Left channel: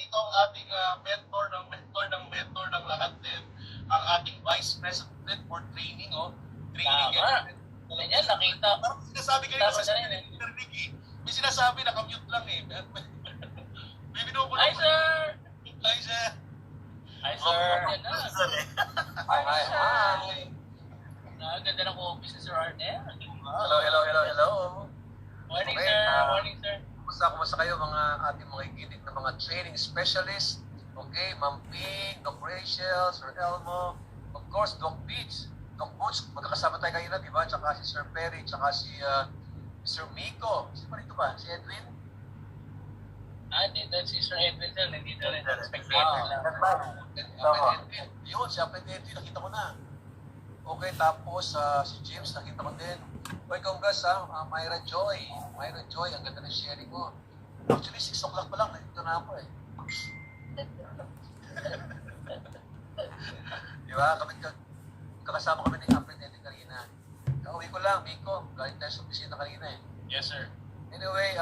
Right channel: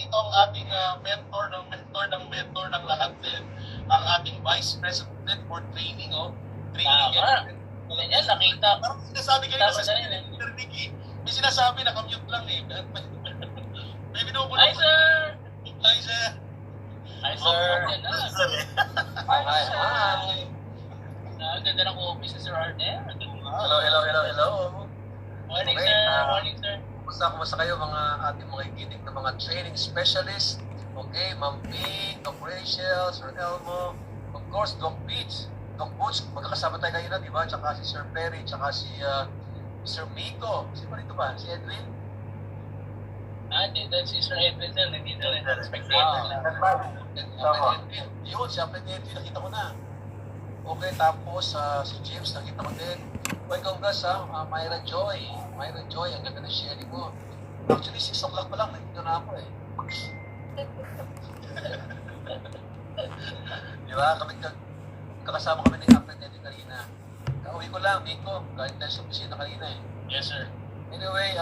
dito ang ating mentor ng lahat din, ang ating Vice President for Training, Training. Yan, nakita. Parang sinasabi kanina sa narinig may sinasabi na commute lang eh. May binubulo. Hi, sir! Hi, sir! Hi, sir! Hi. Ang ganda ng office ni Sir Arnel. Hello. Morning, Okay, sir. Morning, sir. Kumusta kayo mga ating mga ikinig na mga training specialist? Okay, Ma'am P, Doc Rachel, Sir Elmo, of course, Doc Beach, Doc Boots, magkakasama tayo kayo na, di ba? Tsaka si Sir Perry, tsaka si Sir Miko. Sino ba dito ba? Si Edwin? Dito si Sir Edwin, sir. Nandito rin. Spectator lang. Edwin. Yun, si Edwin, nakita ko na. Okay, tapos si James, nakita ko din. Okay, congrats Myra Joy. Myra Joy, ang ganda ng sharing mo. Actually, 6 o'clock pa lang, nakita na ako eh. Di ba? Kakasama kami ni Apple Edwin kanina. Kauwi ko lang, Miko. Galing tayo sa opisina kanina eh. Yes, sir. Anyway,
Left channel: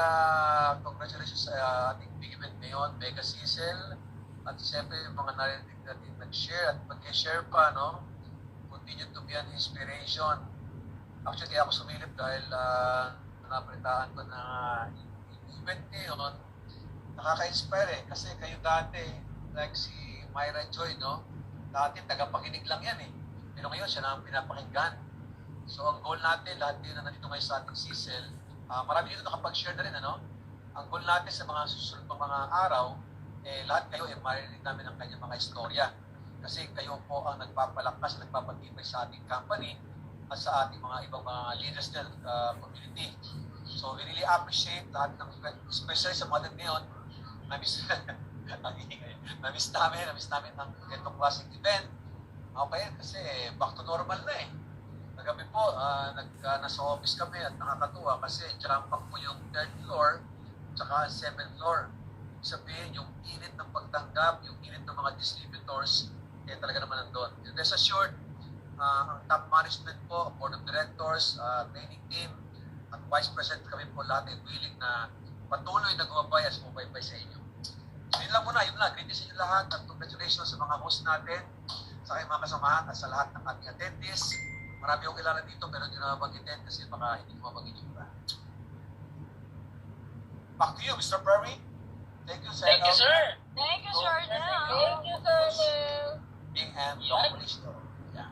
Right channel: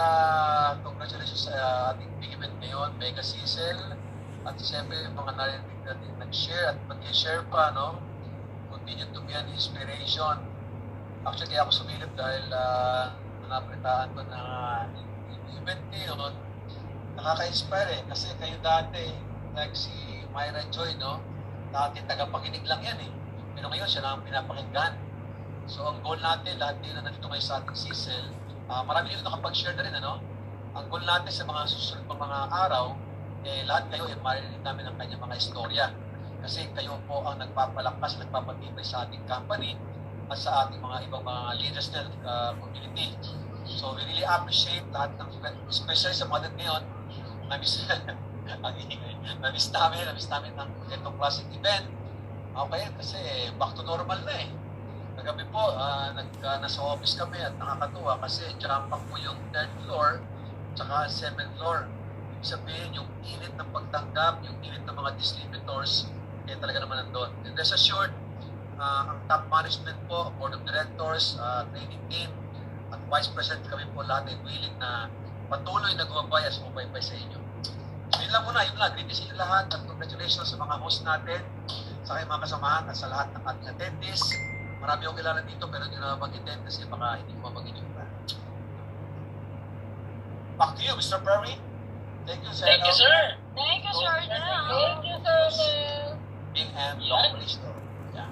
congratulations sa ating big event ngayon, Mega Cecil. At siyempre, yung mga narinig natin nag-share at mag-share pa, no? Continue to be an inspiration. Actually, ako sumilip dahil napritaan ko na yung event ngayon, nakaka-inspire eh. Kasi kayo dati, like si Myra Joy, no? Dati tagapakinig lang yan eh. Pero ngayon, siya na ang pinapakinggan. So, ang goal natin, lahat din na nandito ngayon sa ating Cecil, marami dito nakapag-share na rin, ano? Ang goal natin sa mga susunod na mga araw, lahat kayo, maririnig namin ang kanyang mga istorya. Kasi kayo po ang nagpapalakas, nagpapatibay sa ating company at sa ating mga ibang mga leaders ng community. So we really appreciate lahat ng, especially sa mga ngayon, na-miss namin ng itong classic event. Okay, kasi back to normal na eh. Kagabi po, nasa office kami at nakakatuwa kasi jump-up po yung 3rd floor tsaka 7th floor. Ibig sabihin, yung init ng pagtanggap, yung init ng mga distributors, talaga naman nandun. And rest assured, ang top management po, board of directors, training team, at vice president kami po lahat ay willing na patuloy na gumabay at sumubaybay sa inyo. So yun lang muna, greetings sa inyo lahat at congratulations sa mga host natin, sa kayong mga kasamahan at sa lahat ng ating attendees. Marami akong kilala dito pero hindi na mag-attend kasi baka hindi ko mabagin yung plan. Back to you, Mr. Perry. Thank you, sir. Thank you, sir. Thank you, Sir Arnel. Thank you, Sir Arnel. Bing and Yan. Store. Yeah.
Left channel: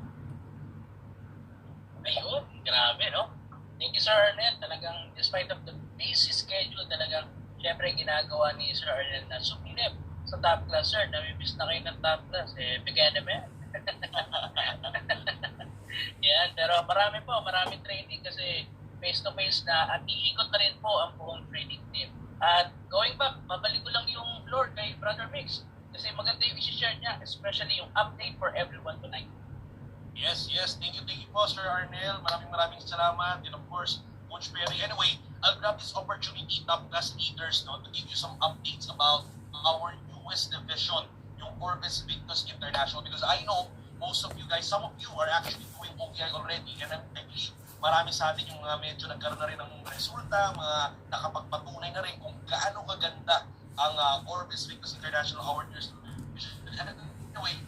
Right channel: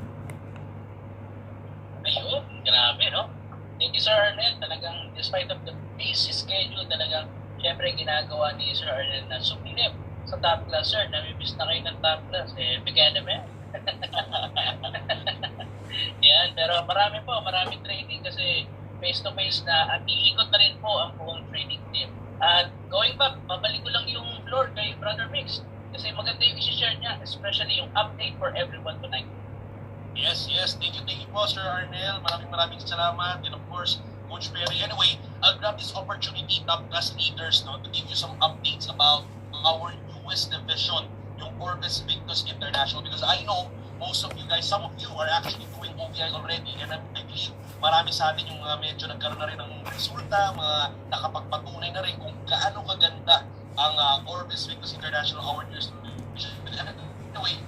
Ayun, grabe, no? Thank you, Sir Arnel. Talagang, despite of the busy schedule, talagang, syempre, ginagawa ni Sir Arnel na sumilip sa top class, sir. Namimiss na kayo ng top class. Bigyan naman. Yan, pero maraming training kasi face-to-face na at iikot na rin po ang buong training team. At going back, babalik ko lang yung floor kay Brother Mix kasi maganda yung isi-share niya, especially yung update for everyone tonight. Yes. Thank you po, Sir Arnel. Maraming salamat. And of course, Coach Perry. Anyway, I'll grab this opportunity, top class leaders, to give you some updates about our newest division, yung Orbis Victus International. Because I know most of you guys, some of you are actually doing OVI already. And I believe marami sa atin yung medyo nagkaroon na rin ng resulta, mga nakapagpatunay na rin kung gaano kaganda ang Orbis Victus International Award Years. Anyway,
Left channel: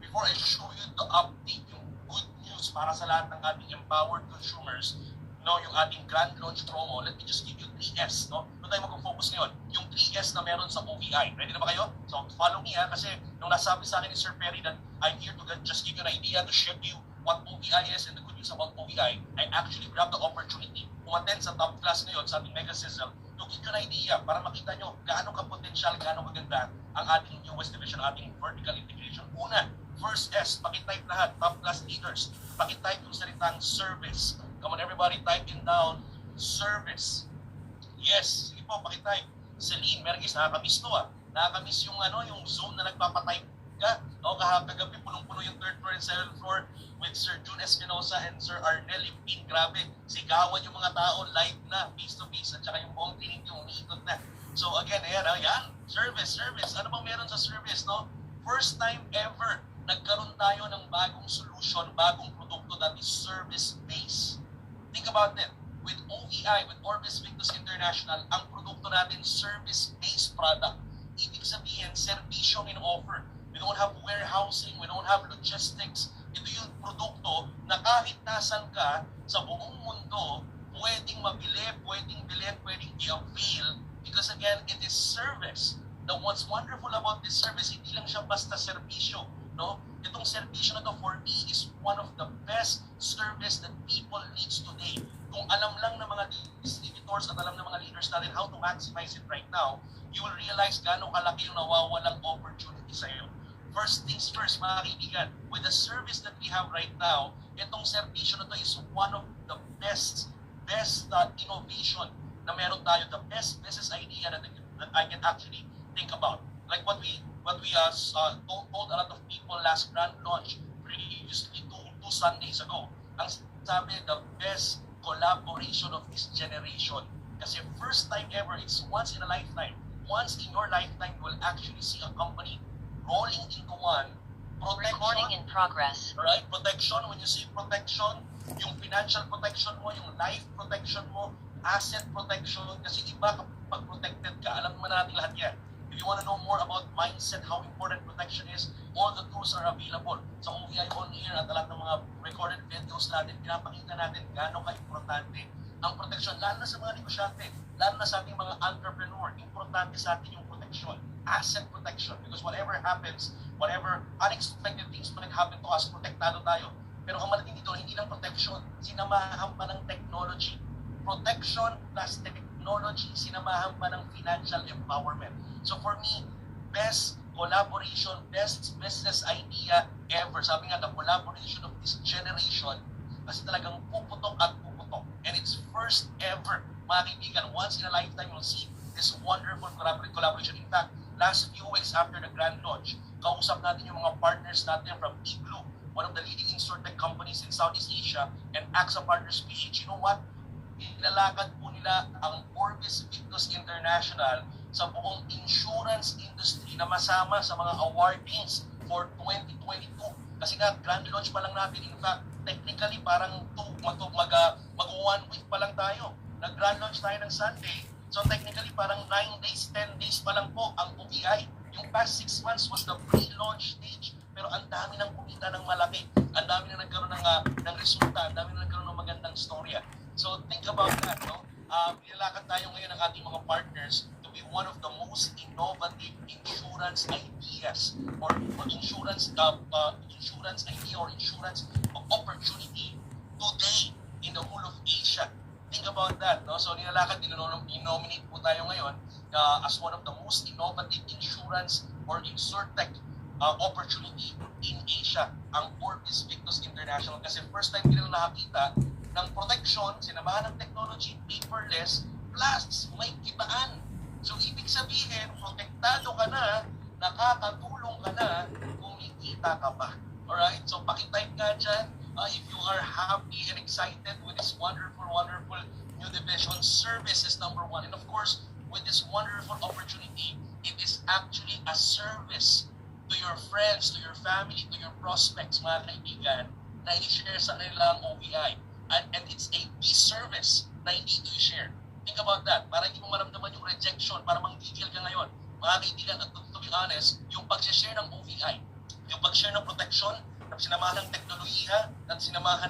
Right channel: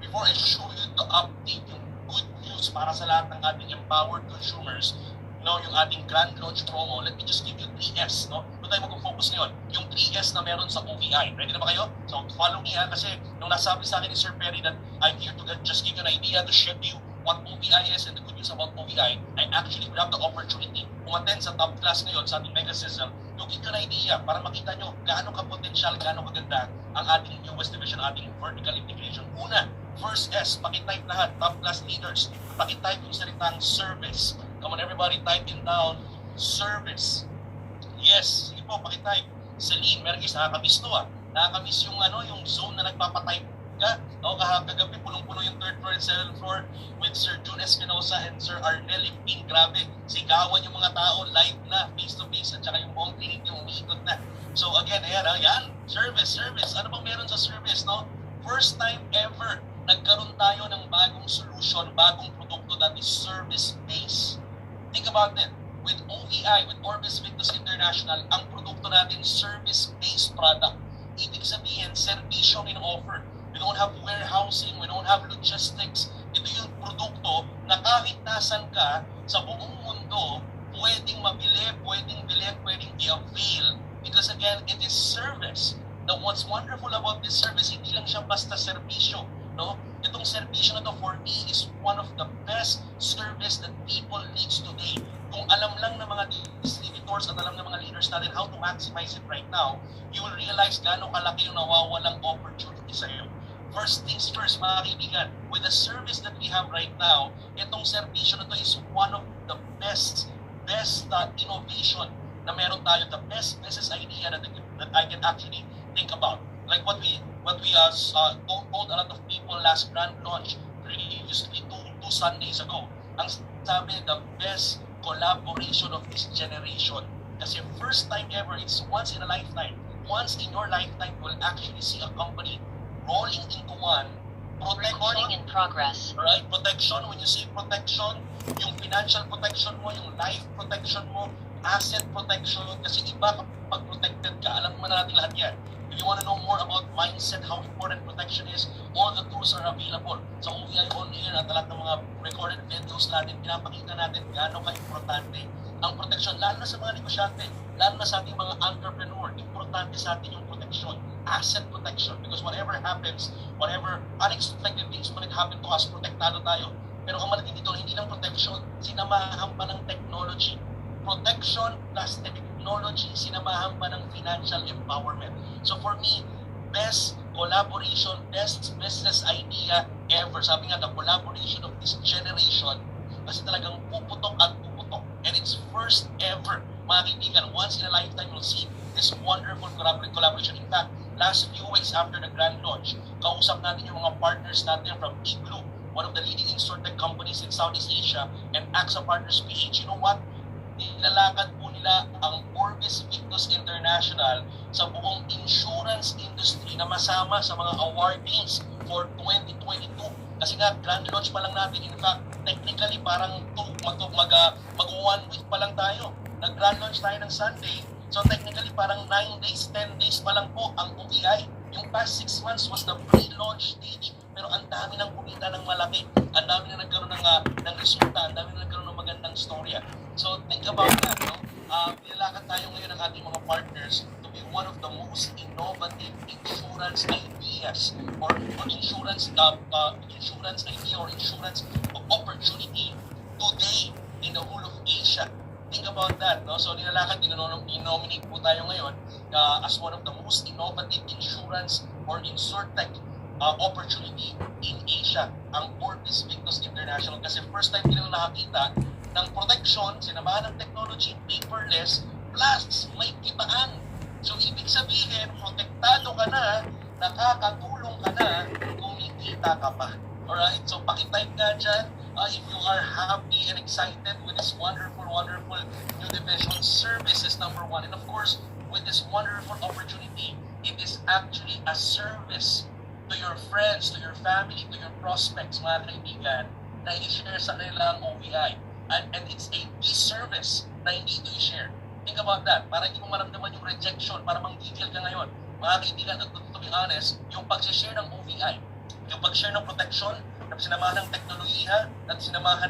before I show you the update, yung good news para sa lahat ng ating empowered consumers, yung ating grand launch promo, let me just give you 3S, Doon tayo mag-focus ngayon. Yung 3S na meron sa OVI. Ready na ba kayo? So, follow me kasi nung nasabi sa akin ni Sir Perry that I'm here to just give you an idea, to share to you what OVI is and the good news about OVI. I actually grabbed the opportunity umattend sa top class ngayon sa ating Mega System to give you an idea para makita nyo gaano ka-potential, gaano kaganda ang ating newest division, ating vertical integration. Una, first S, pakitype lahat, top class leaders. Pakitype yung salitang service. Come on everybody, type in down, service. Yes, sige po, pakitype. Celine, meron guys, nakakamiss to Nakakamiss yung yung zone na nagpapatype ka. Kagabi, punong-puno yung 3rd floor and 7th floor with Sir June Espinosa and Sir Arnel Impin. Grabe, sigawan yung mga tao, live na, face-to-face, at saka yung buong clinic yung umiikot na. So again, ayan, service. Ano bang meron sa service, First time ever, nagkaroon tayo ng bagong solution, bagong produkto that is service-based. Think about it. With OVI, with Orbis Victus International, ang produkto natin service-based product. Ibig ibig sabihin, servisyo in offer. We don't have warehousing, we don't have logistics. Ito yung produkto na kahit nasan ka sa buong mundo, pwedeng mabili, pwedeng bilhin, pwedeng i-avail because again, it is service. Now, what's wonderful about this service, hindi lang siya basta serbisyo. No? Itong serbisyo na to for me is one of the best service that people needs today. Kung alam lang ng mga distributors at alam ng mga leaders natin how to maximize it right now, you will realize gaano kalaki yung nawawalang opportunity sa iyo. First things first, mga kaibigan, with the service that we have right now, itong serbisyo na to is one of the best innovation na meron tayo, the best business idea that I can actually think about. Like what we told a lot of people last grand launch previously two Sundays ago. Ang sabi, the best collaboration of this generation. Kasi first time ever, it's once in a lifetime. Once in your lifetime, you'll actually see a company rolling into one. Recording in progress. Right? Protection, when you say protection, yung financial protection mo, yung life protection mo, asset protection, kasi iba kapag protected ka, alam mo na natin lahat yan. If you want to know more about mindset, how important protection is, all the tools are available. So OVI on air at lahat ng mga recorded videos natin, pinapakita natin gaano ka-importante ang protection, lalo na sa mga negosyante, lalo na sa ating mga entrepreneur. Importante sa atin yung protection, asset protection, because whatever happens, whatever unexpected things might happen to us, protektado tayo. Pero ang malaking dito, hindi lang protection, sinamahan pa ng technology. Protection plus technology, sinamahan pa ng financial empowerment. So for me, best collaboration, best business idea ever. Sabi nga, the collaboration of this generation, kasi talagang puputok at puputok. And it's first ever, mga kaibigan, once in a lifetime you'll see this wonderful collaboration. In fact, last few weeks after the grand launch, kausap natin yung mga partners natin from Igloo, one of the leading insurtech companies in Southeast Asia, and AXA Partners PH. You know what? Nilalakad po nila ang Orbis Victus International sa buong insurance industry na masama sa mga awardings for 2022. Kasi nga, grand launch pa lang natin. In fact, technically, parang mag 1 week pa lang tayo. Nag-grand launch tayo ng Sunday. So technically, parang 9 days, 10 days pa lang po ang OVI. Yung past 6 months was the pre-launch stage. Pero ang dami nang kumita ng malaki. Ang dami na nagkaroon ng resulta. Ang dami na nagkaroon ng magandang storya. So think about that. No? Nilalakad tayo ngayon ng ating mga partners to be one of the most innovative insurance ideas or insurance idea or insurance opportunity today in the whole of Asia. Think about that. No? So nilalakad, dinominate po tayo ngayon as one of the most innovative insurance or insurtech opportunity in Asia, ang Orbis Victus International. Kasi first time din nakakita ng protection, sinamahan ng technology, paperless, plus may kitaan. So ibig sabihin, protektado ka na, nakakatulong ka na, kumikita ka pa. Alright? So pakitype ka dyan if you are happy and excited with this wonderful new division. Service is number one. And of course, with this wonderful opportunity, it is actually a service to your friends, to your family, to your prospects, mga kaibigan, na i-share sa kanila ang OVI. And it's a service na hindi ito i-share. Think about that. Para hindi mo maramdaman yung rejection, para manggigil ka ngayon. Mga kaibigan, to be honest, yung pag-share ng OVI, yung pag-share ng protection, na sinamahan ng teknolohiya, at sinamahan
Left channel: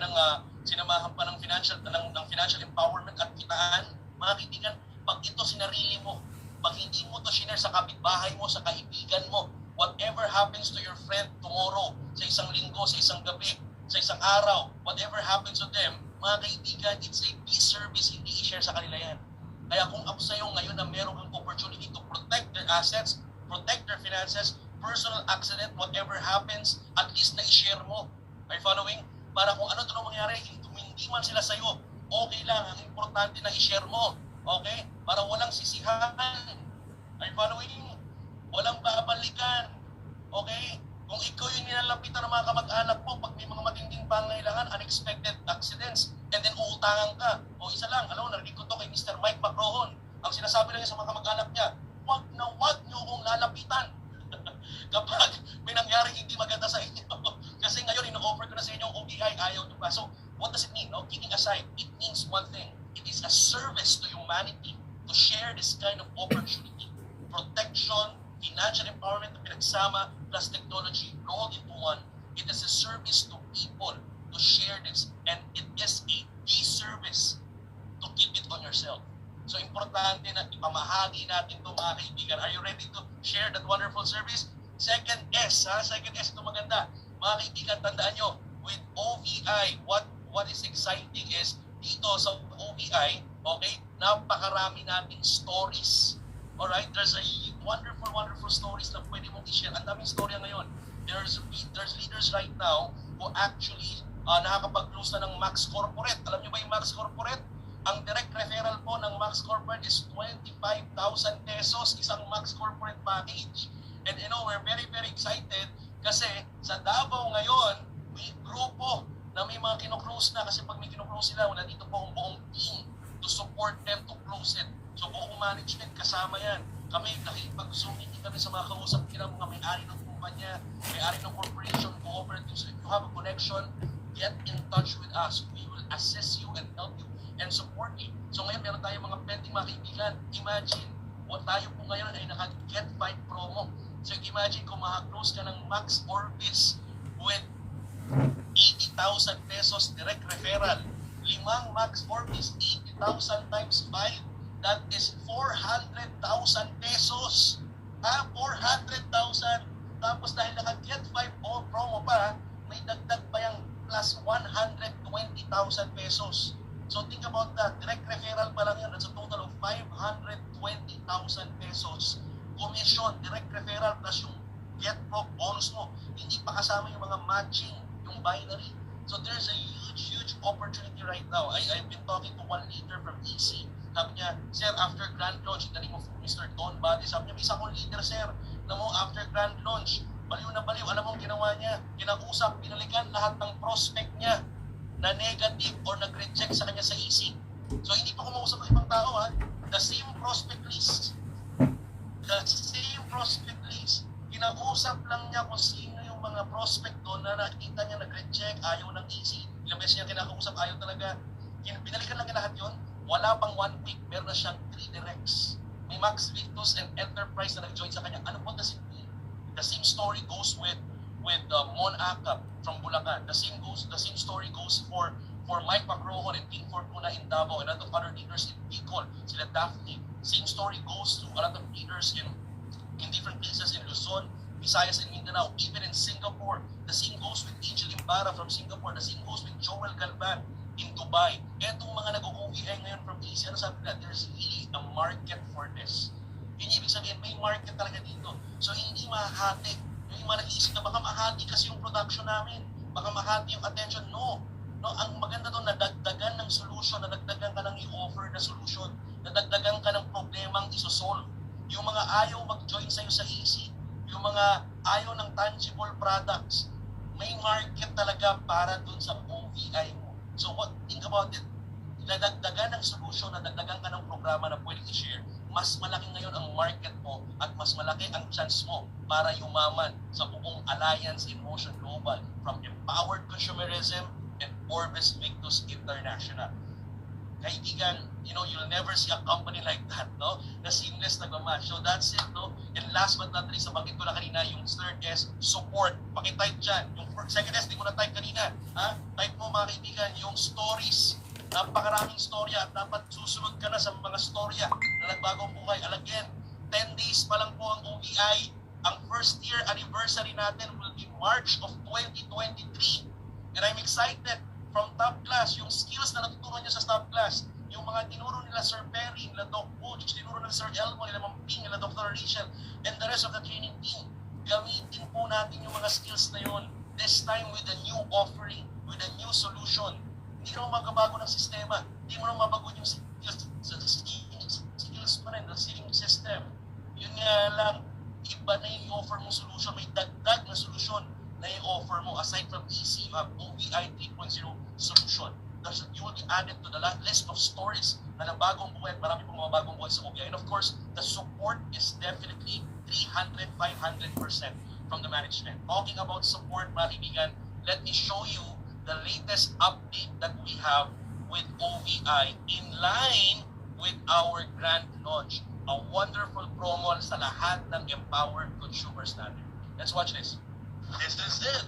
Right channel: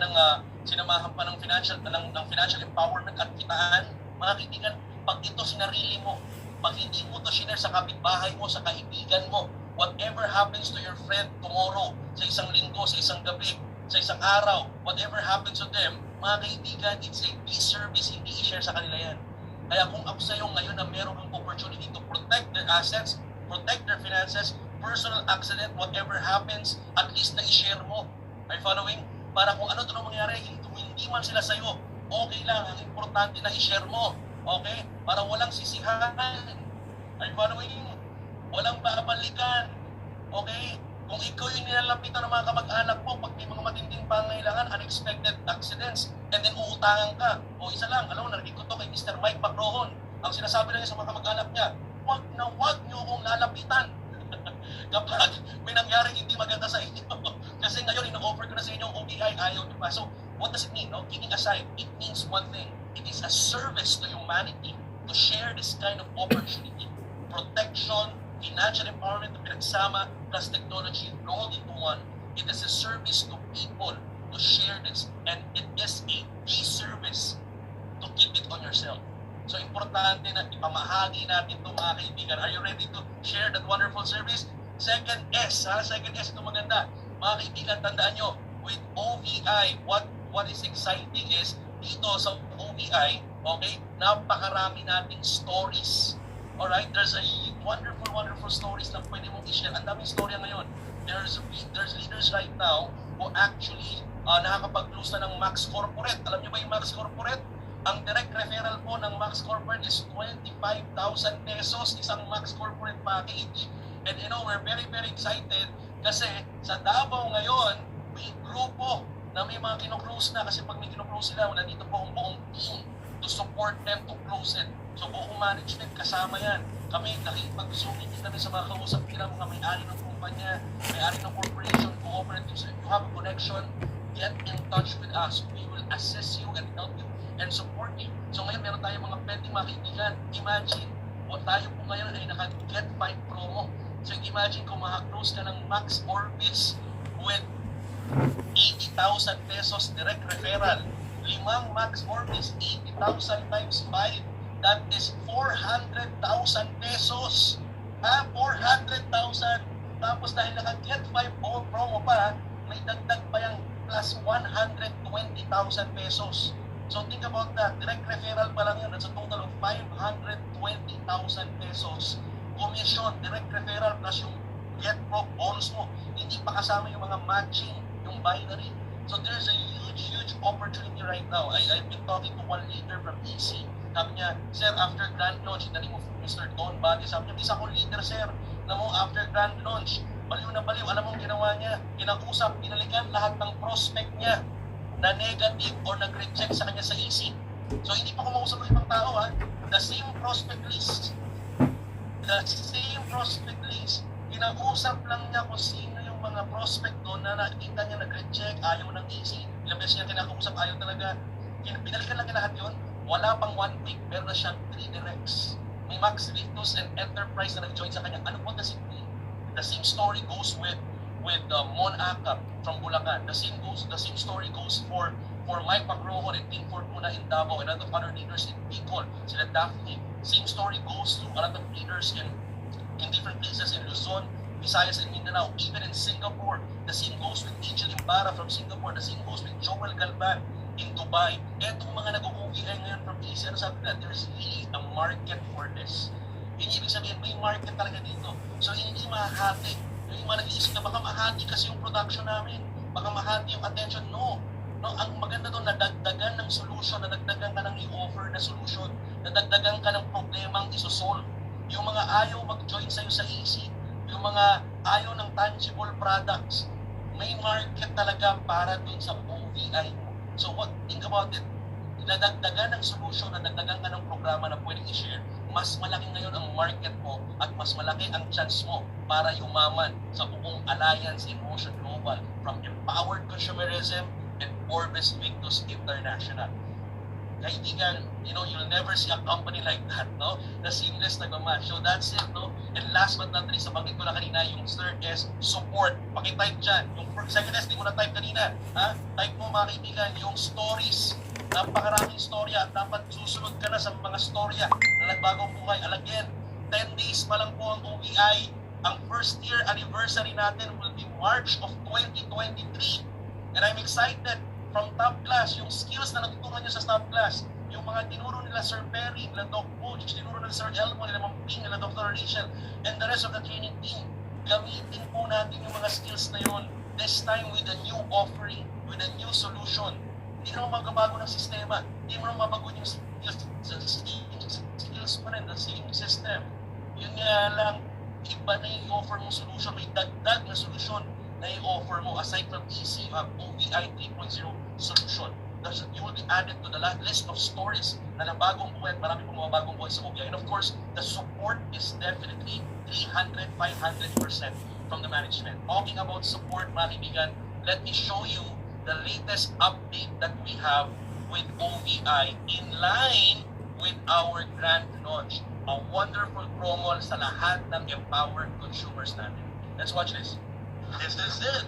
pa ng financial empowerment at kitaan, mga kaibigan, pag ito sinarili mo, pag hindi mo ito sinare sa kapitbahay mo, sa kaibigan mo, whatever happens to your friend tomorrow, sa isang linggo, sa isang gabi, sa isang araw, whatever happens to them, mga kaibigan, it's a service, hindi i-share sa kanila yan. Kaya kung ako sa'yo ngayon na meron kang opportunity to protect their assets, protect their finances, personal accident, whatever happens, at least na i-share mo. Are you following? Para kung ano doon mangyari, hindi man sila sa'yo, okay lang, ang importante na i-share mo. Okay? Para walang sisihan. Are you following? Walang babalikan. Okay? Kung ikaw yung nilalapitan ng mga kamag-anak mo, pag may mga matinding pangailangan, unexpected accidents, and then uutangan ka. O isa lang, alam mo, narinig ko to kay Mr. Mike Macrohon. Ang sinasabi lang sa mga kamag-anak niya, huwag niyo akong lalapitan. Kapag may nangyari hindi maganda sa inyo. Kasi ngayon, ino-offer ko na sa inyo ang OBI, ayaw niyo pa. So, what does it mean? No? Kidding aside, it means one thing. It is a service to humanity to share this kind of opportunity. Protection financial empowerment na pinagsama plus technology rolled into one. It is a service to people to share this, and it is a disservice to keep it on yourself. So importante na ipamahagi natin ito mga kaibigan. Are you ready to share that wonderful service? Second S, ha? Second S ito maganda. Mga kaibigan, tandaan nyo, with OVI, what is exciting is, dito sa OVI, okay, napakarami nating stories. Alright, there's a wonderful stories na pwede mong i-share. Ang daming storya ngayon. There's leaders right now who actually nakakapag-close na ng Max Corporate. Alam nyo ba yung Max Corporate? Ang direct referral po ng Max Corporate is 25,000 pesos, isang Max Corporate package. And you know, we're very excited kasi sa Davao ngayon, may grupo na may mga kinuklose na kasi pag may kinuklose sila, wala dito po ang buong team to support them to close it. So buong management kasama yan. Kami, nakipag-zooming kami sa mga kausap nila, mga may-ari ng kumpanya, may-ari ng corporation, cooperatives. If you have a connection, get in touch with us. We will assist you and help you and support you. So ngayon meron tayong mga pwedeng mga kaibigan. Imagine, o tayo po ngayon ay naka-Get 5 promo. So imagine kung maka-close ka ng Max Orbis with 80,000 pesos direct referral. 5 Max Orbis, 80,000 times 5. That is 400,000 pesos. 400,000. Tapos dahil naka-Get 5 promo pa, may dagdag pa yung plus 120,000 pesos. So think about that. Direct referral pa lang yan. That's a total of 520,000 pesos. Commission, direct referral plus yung Get Pro bonus mo. Hindi pa kasama yung mga matching, yung binary. So there's a huge opportunity right now. I've been talking to one leader from EC. Sabi niya, sir, after grand launch, the name of Mr. Don Badi, sabi niya, isa akong leader, sir, na mo after grand launch, baliw na baliw. Alam mo ang ginawa niya? Kinakusap, pinalikan lahat ng prospect niya na negative or nag-reject sa kanya sa EC. So hindi pa kumausap ng ibang tao, ha? The same prospect list, kinakusap lang niya kung sino yung mga prospect doon na nakita niya nag-reject, ayaw ng EC, ilang beses niya kinakusap, ayaw talaga. Pinalikan lang lahat yun, wala pang 1 week, meron na siyang 3 directs. May Max Victus and Enterprise na nag-join sa kanya. Ano po the same story goes with Mon Acap from Bulacan. The same story goes for Mike Pacrojo and Team Fortuna in Davao and other leaders in Bicol, sila Daphne. Same story goes to a lot of leaders in different places in Luzon, Visayas, and Mindanao, even in Singapore. The same goes with Angel Ibarra from Singapore. The same goes with Joel Galvan in Dubai. Etong mga nag-OVI ngayon from Asia, ano sabi nila, there's really a market for this. Ibig sabihin, may market talaga dito. So hindi mahati. Yung mga nag-iisip na baka mahati kasi yung production namin, baka mahati yung attention. No, ang maganda doon, nadagdagan ng solution, nadagdagan ka ng i-offer na solution, nadagdagan ka ng problemang isosolve. Yung mga ayaw mag-join sa'yo sa EC, yung mga ayaw ng tangible products, may market talaga para doon sa OVI. So think about it, nadagdagan ng solution, nadagdagan ka ng programa na pwedeng i-share, mas malaki ngayon ang market mo at mas malaki ang chance mo para yumaman sa buong Alliance in Motion Global from Empowered Consumerism and Orbis Victus International. Kaibigan, you'll never see a company like that, no? Na seamless na match. So that's it, no? And last but not least, nabanggit ko na kanina, yung third S, support. Pakitype dyan. Yung second S, di ko na type kanina. Ha? Type mo mga kaibigan, yung stories. Napakaraming storya at dapat susunod ka na sa mga storya na nagbagong buhay. Again, 10 days pa lang po ang OVI. Ang first year anniversary natin will be March of 2023. And I'm excited from top class, yung skills na natutunan nyo sa top class, yung mga tinuro nila Sir Perry, nila Doc Butch, tinuro nila Sir Elmo, nila Ma'am Ping, nila Dr. Rachel, and the rest of the training team. Gamitin po natin yung mga skills na yun, this time with a new offering, with a new solution. Hindi naman magbabago ng sistema, hindi mo naman mabago yung skills pa rin, the same system. Yun nga lang, iba na yung offer mo solution, may dagdag na solution na i-offer mo. Aside from EC, you have OVI 3.0 solution. You will be added to the list of stories na nabagong buhay, marami pong mga bagong buhay sa OVI. And of course, the support is definitely 300, 500% from the management. Talking about support, mga kaibigan, let me show you the latest update that we have with OVI in line with our grand launch. a wonderful promo sa lahat ng empowered consumers natin. Let's watch this. This is it.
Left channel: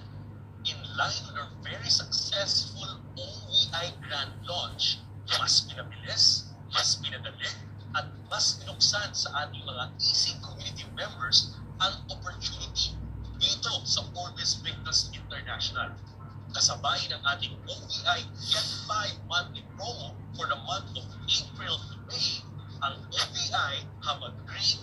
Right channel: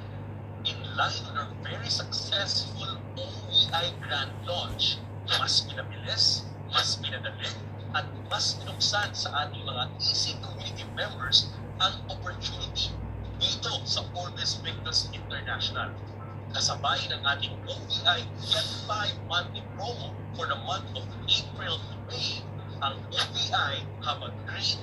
In line with our very successful OVI Grand Launch, mas pinabilis, mas pinadali, at mas pinuksan sa ating mga Easy Community members ang opportunity dito sa Orbis Victus International. Kasabay ng ating OVI Get 5 monthly promo for the month of April to May, ang OVI have a great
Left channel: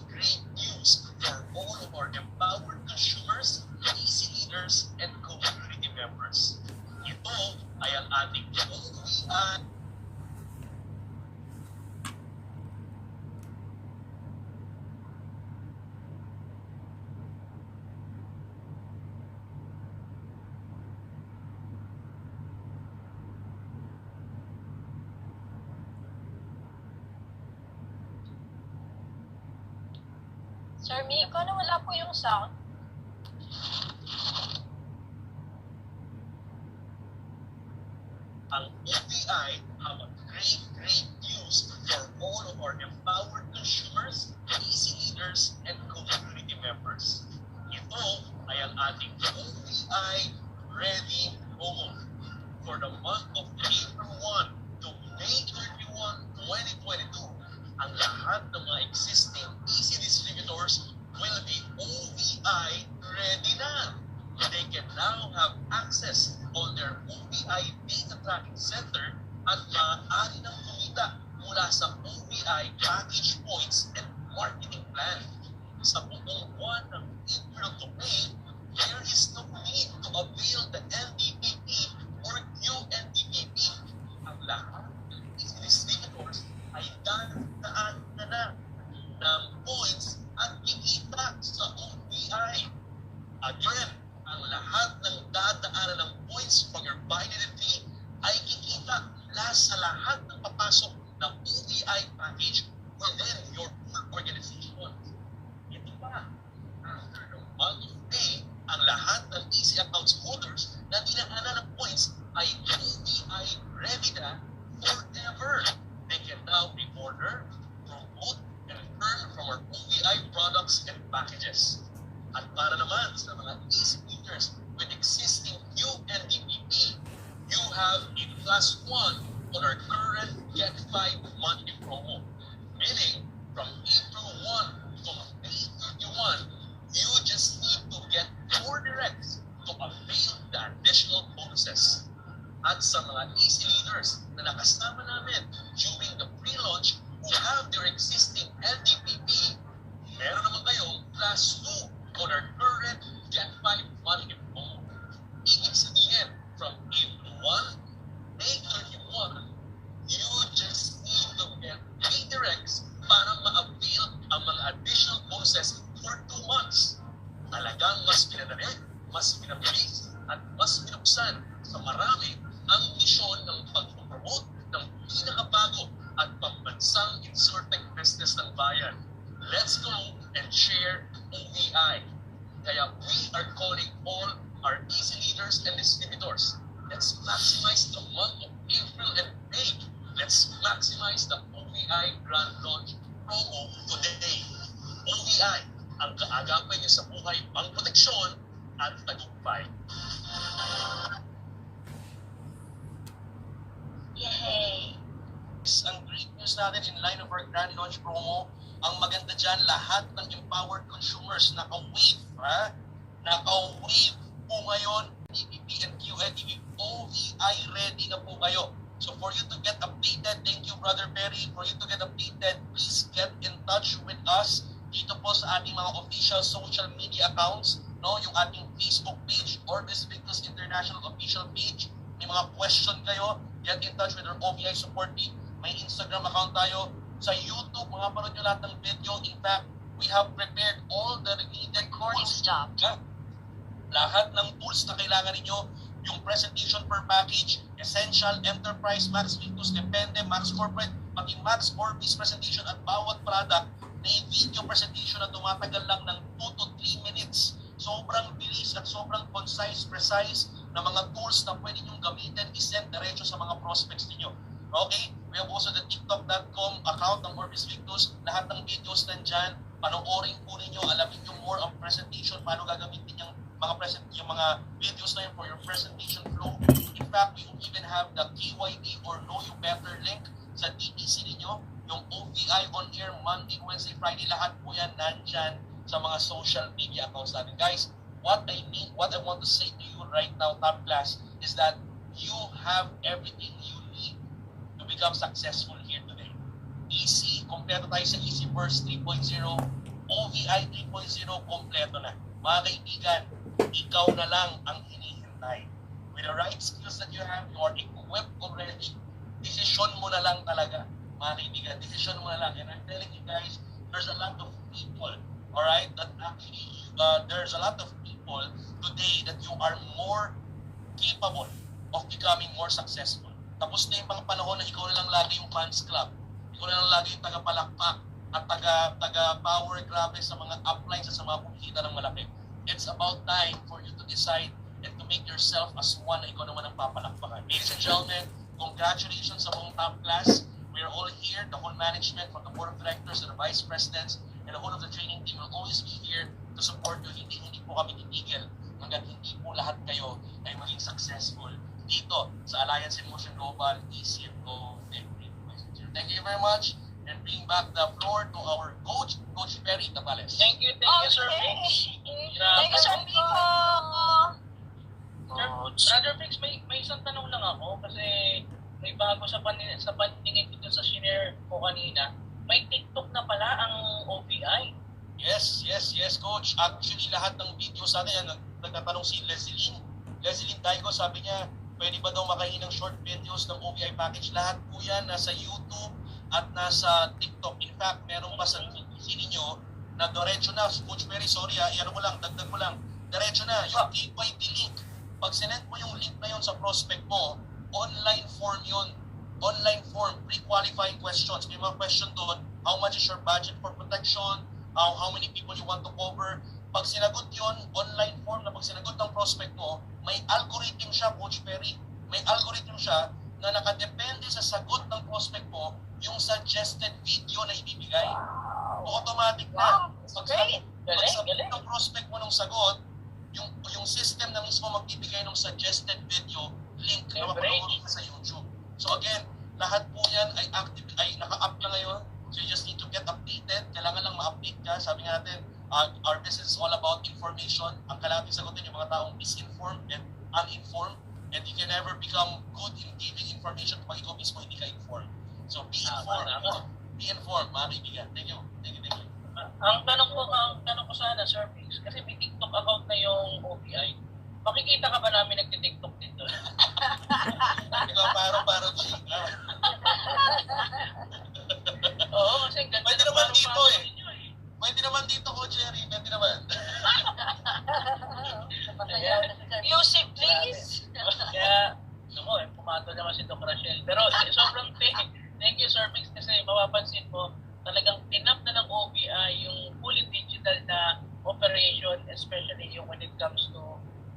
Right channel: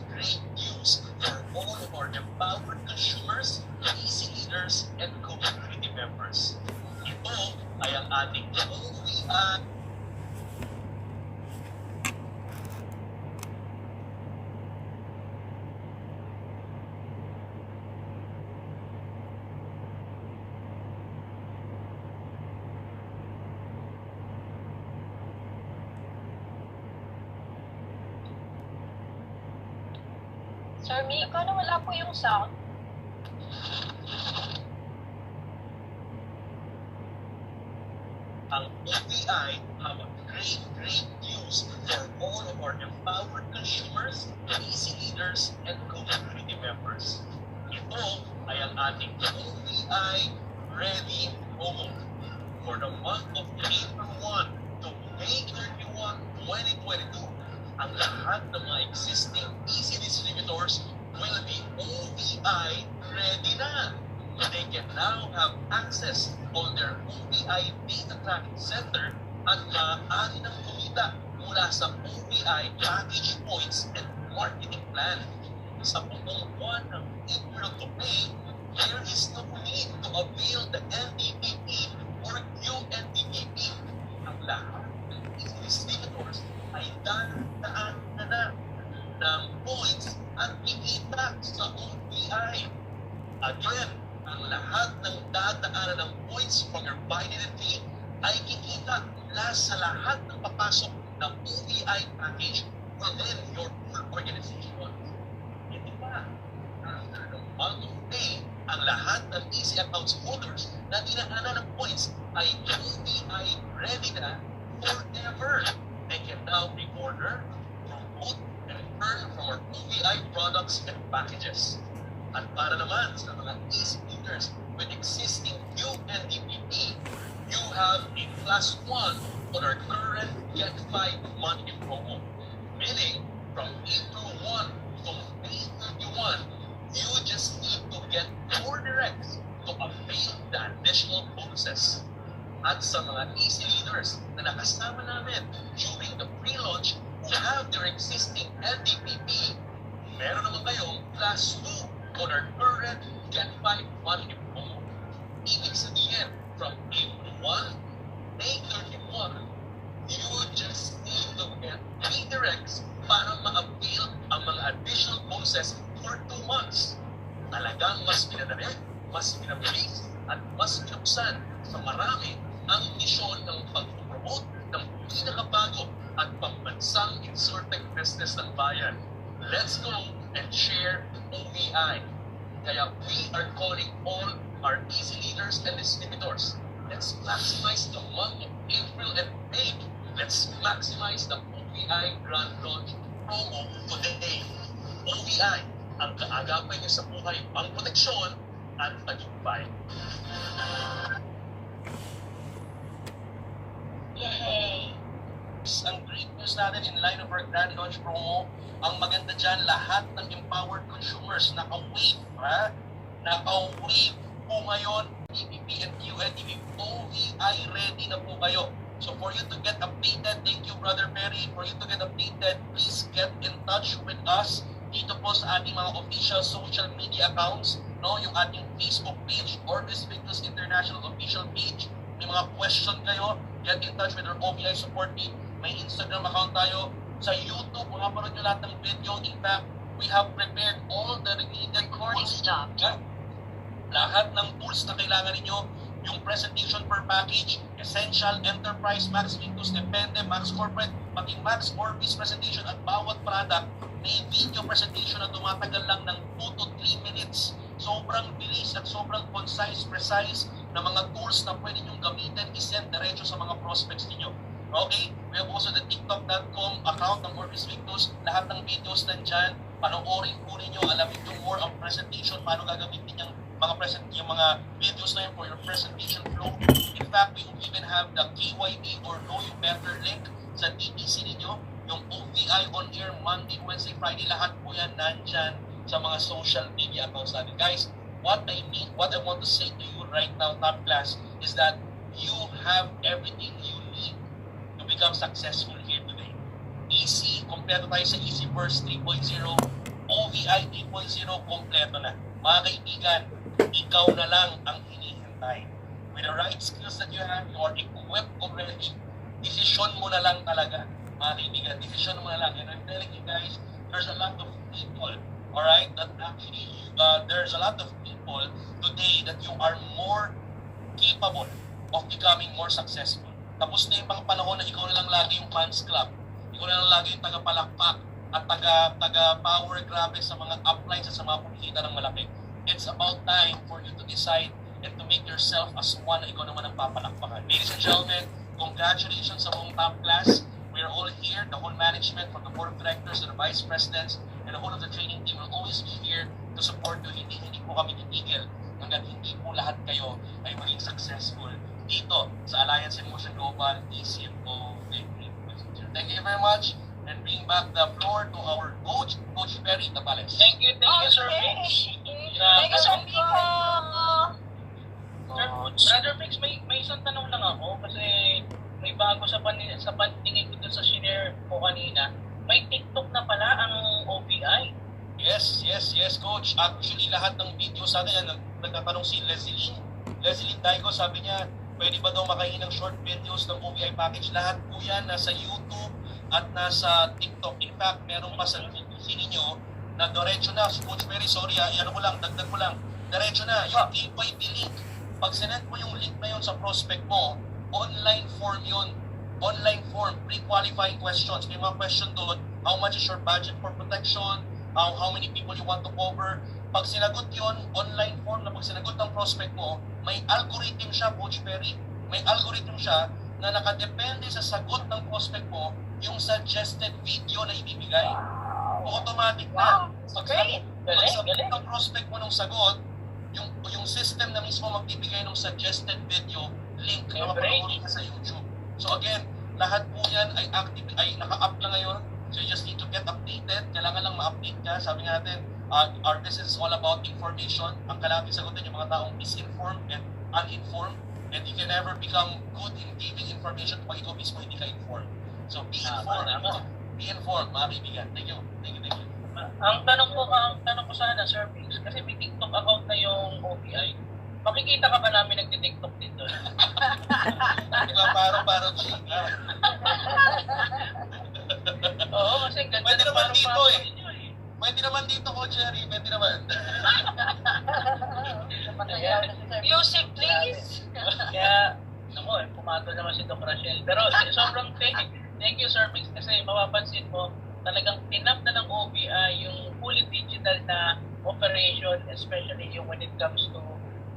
news for all of our empowered consumers, easy leaders, and community members. Ito ay ang ating OVI Sir Mi, paano wala po yung sound? ang OVI have a great news for all of our empowered consumers, easy leaders, and community members. Ito ay ang ating OVI Ready promo for the month of April 1 to May 31, 2022. Ang lahat ng mga existing easy distributors will be OVI ready na. They can now have access on their OVI data tracking center at maaari ng kumita mula sa OVI package points and marketing plan. Sa buong buwan ng April to May, there is no need to avail the NDPP or UNDPP. Ang lahat ng easy distributors ay dadaan na ng points at kikita sa OVI. Again, ang lahat ng dadaanan ng points from your binary fee ay kikita mula sa lahat ng papasok ng OVI package within your full organization. Ito pa, after the month of May, ang lahat ng easy accounts holders na dinaanan ng points ay OVI ready na forever. They can now pre-order, promote, and earn from our OVI products and packages. At para naman sa mga easy leaders with existing UNDPP, you have a plus 1 on our current Get 5 monthly promo. Meaning, from April 1 to May 31, you just need to get 4 directs to avail the additional bonuses. At sa mga easy leaders na nakasama namin during the pre-launch who have their existing LDPP, meron naman kayong plus 2 on our current Get 5 monthly promo. Ibig sabihin, from April 1, May 31, you just need to get 3 directs para ma-avail ang mga additional bonuses for 2 months. Talagang mas pinadali, mas pinabilis, at mas pinuksan sa marami ang misyon ng pag-promote ng pinakabago at pambansang insurtech business ng bayan. Let's go and share OVI. Kaya we are calling all our easy leaders and distributors. Let's maximize the month of April and May. Let's maximize the OVI Grand Launch promo today. OVI, ang kaagapay niyo sa buhay, ang proteksyon at tagumpay. Yay! Ang great news natin in line of our Grand Launch promo, ang maganda dyan, lahat ng empowered consumers naka-wave, ha? Naka-wave po ngayon, EPP and UNDP, OVI ready na po kayo. So for you to get updated, thank you Brother Perry, for you to get updated, please get in touch with us dito po sa ating mga official social media accounts, no? Yung ating Facebook page, Orbis Victus International official page. May mga question kayo, get in touch with our OVI support team. May Instagram account tayo. Sa YouTube, mga parod nyo lahat ng video. In fact, we have prepared all the needed Recording tools. stopped. Lahat ng tools na kailangan ninyo, yung presentation per package, Essential, Enterprise, Max Victus, Depende, Max Corporate, pati Max Orbis presentation at bawat product, may video presentation na tumatagal lang ng 2 to 3 minutes. Sobrang bilis at sobrang concise, precise na mga tools na pwede nyo gamitin, isend diretso sa mga prospects ninyo. Okay? We have also the tiktok.com account ng Orbis Victus. Lahat ng videos nandyan. Panoorin po ninyo, alamin nyo more ang presentation, paano gagamitin yung mga videos na yun for your presentation flow. In fact, we even have the KYB or Know You Better link sa DTC ninyo. Yung OVI on air Monday, Wednesday, Friday, lahat po yan nandyan sa mga social media accounts natin. Guys, what I want to say to you right now, top class, is that you have everything you need to become successful here today. Easy, kompleto tayo sa Easy Burst 3.0, OVI 3.0, kompleto na. Mga kaibigan, ikaw na lang ang hinihintay. With the right skills that you have, you are equipped already. Decision mo na lang talaga. Mga kaibigan, decision mo na lang. And I'm telling you guys, there's a lot of people, alright, that actually, there's a lot of people today that you are more capable of becoming more successful. Tapos na yung mga panahon na ikaw na lang lagi yung fans club. Ikaw na lang lagi yung taga-palakpak at taga-power grabe sa mga uplines at sa mga kumikita ng malaki. It's about time for you to decide and to make yourself as one na ikaw naman ang papalakpakan. Ladies and gentlemen, congratulations sa buong top class. We are all here, the whole management, from the board of directors to the vice presidents, and the whole of the training team will always be here to support you. Hindi po kami titigil hanggang hindi po lahat kayo ay maging successful dito sa Alliance in Motion Global ECFO. Thank you very much, and bring back the floor to our coach, Coach Perry Tapales. Thank you, Sir Mix. Thank you, Sir Miko. Brother Mix, may isang tanong lang ako kasi may bago sa pantingin ko dun sa shinare ko kanina. May TikTok na pala ang OVI. Yes, coach. Actually, lahat ng video sa atin, nagtatanong si Leslie Daigo, sabi niya, pwede ba daw makain ng short videos ng OVI package? Lahat po yan nasa YouTube at nasa TikTok. In fact, meron pa sa DTC ninyo na diretso na. Coach Perry, sorry dagdag mo lang. Diretso na, yung KYB link. Pag sinend mo yung link na yun sa prospect mo, online form yun. Online form, pre-qualifying questions. May mga question doon, how much is your budget for protection? How many people you want to cover? Pag sinagot yun, online form na pag sinagot ng prospect mo, may algorithm siya, Coach Perry. May algorithm siya na nakadepende sa sagot ng prospect mo yung suggested video na ibibigay. Automatic na. Pag sagot ng prospect mo ng sagot, yung system na mismo magbibigay ng suggested video link na mapanood ka sa YouTube. So again, lahat po yan ay active, ay naka-up na ngayon. So you just need to get updated. Kailangan lang ma-update ka. Sabi natin, our business is all about information. Ang kailangan sagutin yung mga taong misinformed and uninformed. And you can never become good in giving information kung ikaw mismo hindi ka informed. So be informed. Be informed, mga kaibigan. Thank you. Ang tanong ko sana, Sir Mix, kasi may TikTok account na yung OVI. Makikita ka ba namin nagtitiktok dito? Hindi ba paro chika? Oo, kasi ganda. Pwede naman dito eh. Pwede naman dito, Coach Jerry. Pwede naman. Music, please. Kaya, pumato naman si Doc Rachel. Pero sobrang thank you, Sir Mix, kasi mapapansin mo, talagang pinap na ng OVI yung fully digital na operation, especially yung when it comes to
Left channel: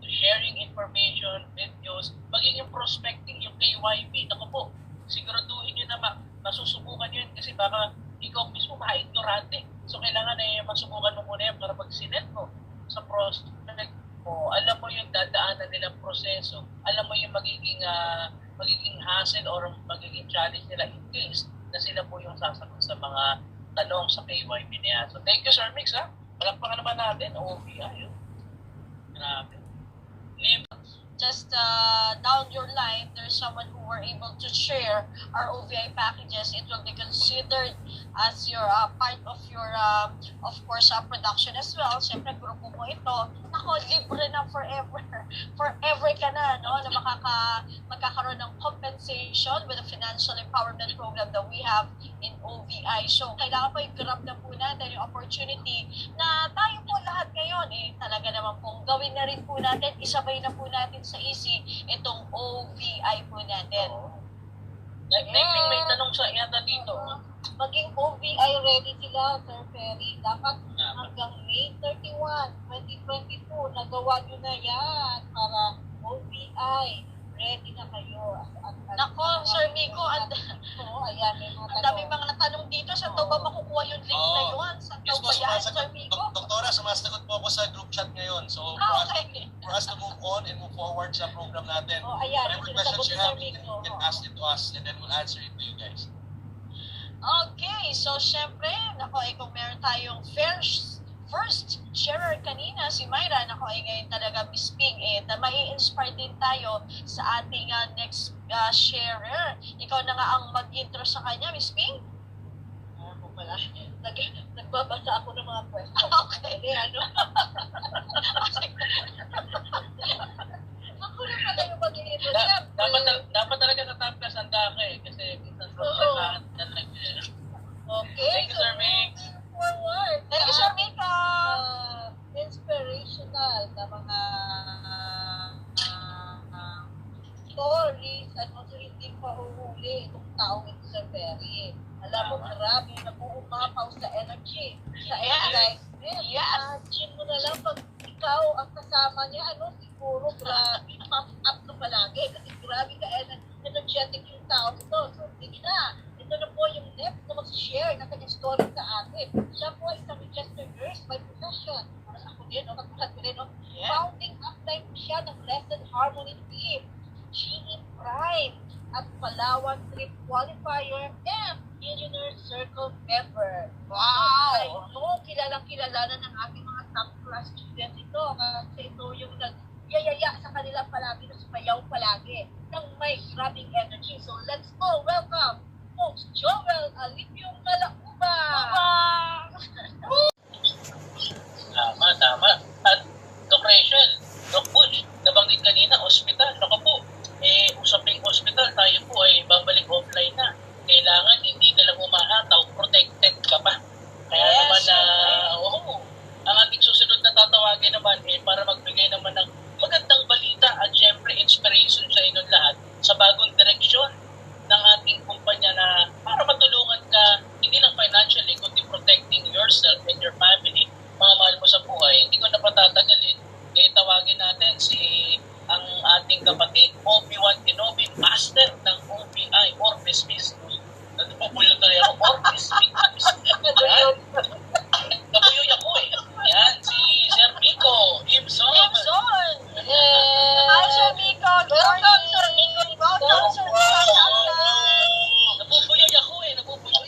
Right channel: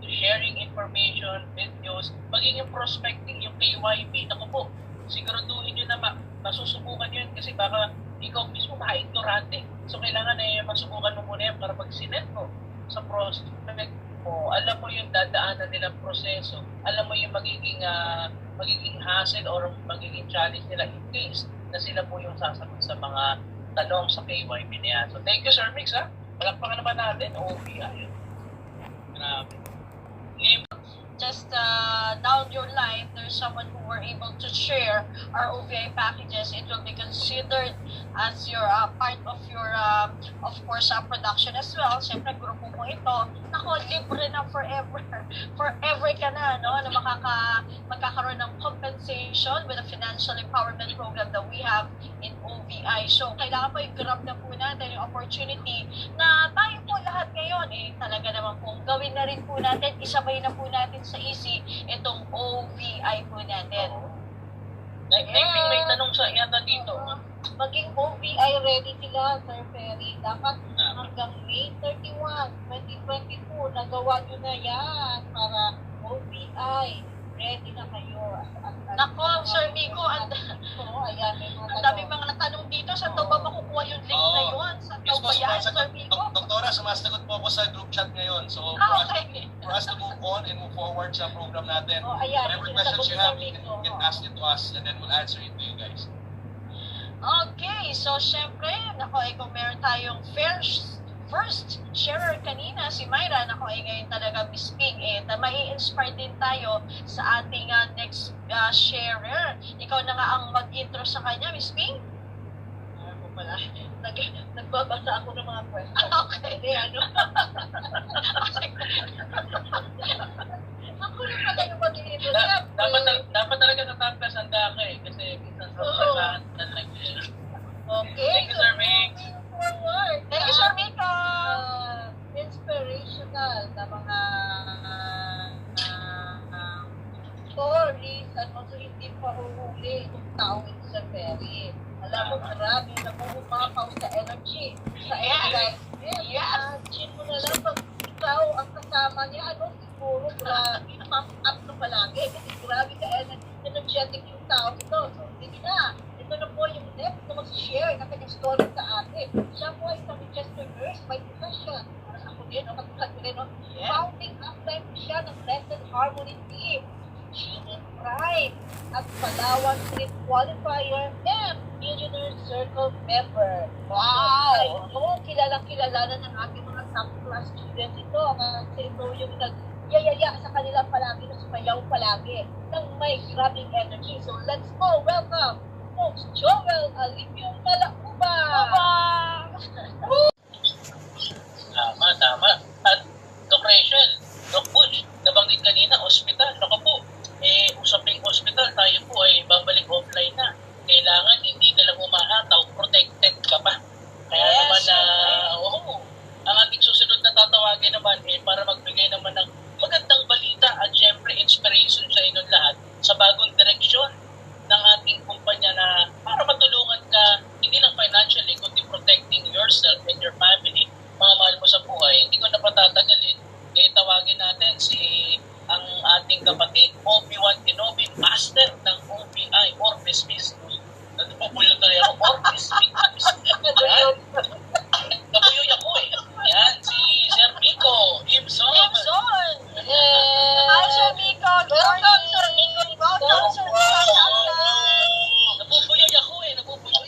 sharing information, videos, maging yung prospecting, yung KYB, naku po, siguraduhin nyo na masusubukan yun kasi baka ikaw mismo ma-ignorante. So kailangan na masubukan mo muna yan para pag sinend mo sa prospect mo, alam mo yung dadaanan nilang proseso, alam mo yung magiging hassle or magiging challenge nila in case na sila po yung sasagot sa mga tanong sa KYB niya. So thank you, Sir Mix, ha? Palakpakan naman natin, OVI. Grabe. Just down your line, there's someone who were able to share our OVI packages. It will be considered as your part of your, of course, production as well. Siyempre, grupo mo ito. Naku, libre na forever. Forever ka na, no? Na magkakaroon ng compensation with the financial empowerment program that we have in OVI. So, kailangan po i-grab na po natin yung opportunity na tayo po lahat ngayon, talaga naman pong gawin na rin po natin, isabay na po natin sa easy itong OVI po natin. May tanong sa yata dito. Maging OVI ready sila, Sir Perry. Dapat hanggang May 31, 2022, nagawa nyo na yan para OVI ready na kayo. Nako, Sir Miko, chat ngayon. So, Okay. for us to move on and move forward sa program natin, Oh, ayan. whatever Sinasagot questions you ni have, Sir you Rico. can ask it to us and then we'll answer it to you guys. Okay, so syempre, nako, kung meron tayong first sharer kanina, si Myra, nako, ngayon talaga Miss Ping, na mai-inspire din tayo sa ating next sharer. Ikaw na nga ang mag-intro sa kanya, Miss Ping? Ako pala. Nagbabasa ako ng mga question. Okay. Hindi, ano? Ako na pala yung mag-inito. Dapat talaga sa top class ang dami kasi minsan sa Oo. lahat na lang. Okay. Thank you, Sir Vic. Forward. Thank you, Sir Mika. Inspirational na mga stories at also hindi pahuhuli itong tao ito sa Perry. Alam mo, marami na pumapaw sa energy, sa excitement. Yes. Imagine mo na lang pag ikaw ang kasama niya, ano, siguro grabe, pump up ka palagi kasi grabe ka energetic yung tao ito. So, sige na. Ito na po yung next na mag-share ng kanyang story sa atin. Siya po ay isang registered nurse by profession. Ako din, katulad ko rin, Yeah. founding upline po siya ng Blessed Harmony Team. GE Prime at Palawan Street Qualifier and Millionaire Circle member. Wow! Ay, kilalang-kilala na ng ating mga top class students ito. Kasi ito yung nag-yayaya sa kanila palagi, na sumayaw palagi ng may grabing energy. So let's go! Welcome, Coach Joel Alipio Malauba! Tama. At Doc Rachel, Doc Butch, nabanggit kanina, hospital. Naku po, usaping hospital, tayo po ay babalik offline na. Kailangan hindi ka lang umahataw, protected ka pa. Kaya Yes, naman syempre. ang ating susunod na tatawagin naman para magbigay naman ng magandang balita at syempre inspiration sa inyong lahat sa bagong direksyon ng ating kumpanya na para matulungan ka hindi lang financially kundi protecting yourself and your family, mga mahal mo sa buhay. Hindi ko na patatagalin, tawagin natin ang ating kapatid, Obi-Wan Kenobi, master ng OBI, Orbis Business. Nabubuyo tayo ako, Orbis Business. Yan. Nabuyoy ako eh. Yan, si Sir Rico, Ibson. Ibson! Yes! Hi, Sir Miko! Welcome, Sir Miko! Welcome, Sir Miko! Nabubuyoy ako eh, nabubuyoy.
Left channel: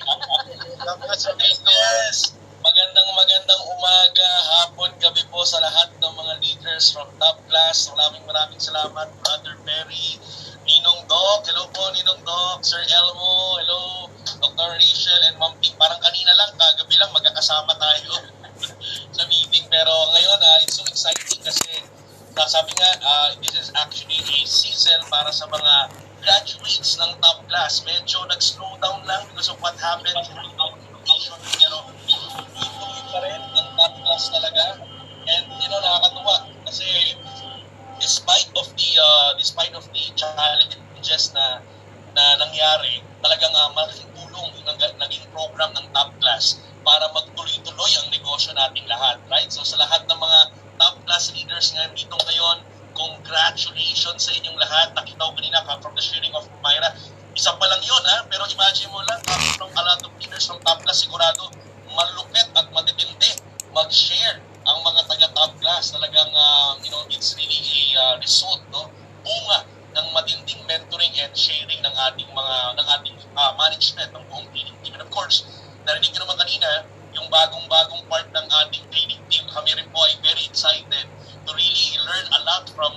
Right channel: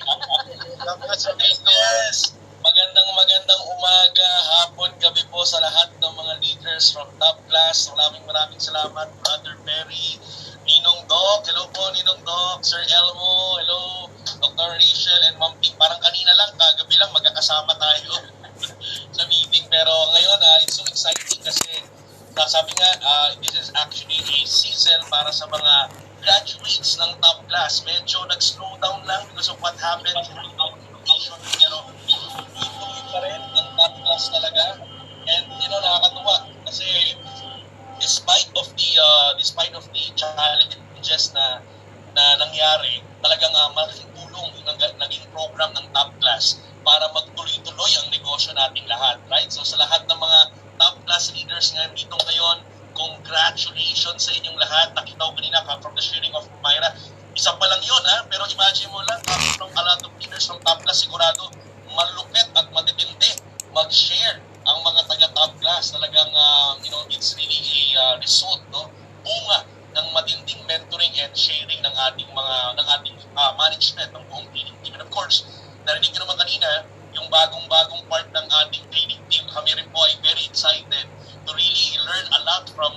Yes! Magandang umaga, hapon, gabi po sa lahat ng mga leaders from top class. Maraming salamat, Brother Perry, Ninong Doc, hello po Ninong Doc, Sir Elmo, hello, Dr. Rachel, and Ma'am Pink. Parang kanina lang, kagabi lang, magkakasama tayo sa meeting. Pero ngayon, it's so exciting kasi sabi nga, this is actually a season para sa mga graduates ng top class. Medyo nag-slow down lang because of what happened during our education. Pero tuloy pa rin ang top class talaga. And nakakatuwa kasi despite of the challenges na nangyari, talagang malaking tulong yung naging program ng top class para magtuloy-tuloy ang negosyo nating lahat, right? So sa lahat ng mga top class leaders ngayon dito ngayon, congratulations sa inyong lahat. Nakita ko kanina from the sharing of Myra, isa pa lang yun pero imagine mo lang, from a lot of leaders from top class, sigurado malupit at matitindi mag-share ang mga taga-top class. Talagang it's really a result, bunga ng matinding mentoring and sharing ng ating management ng buong training team. And of course, narinig nyo naman kanina yung bagong part ng ating training team. Kami rin po ay very excited to really learn a lot from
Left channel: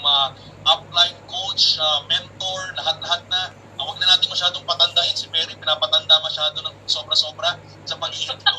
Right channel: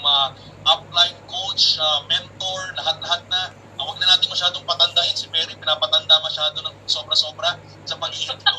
upline coach, mentor, lahat-lahat na. Huwag na natin masyadong patandahin. Si Perry, pinapatanda masyado ng sobra-sobra sa pag-iintro.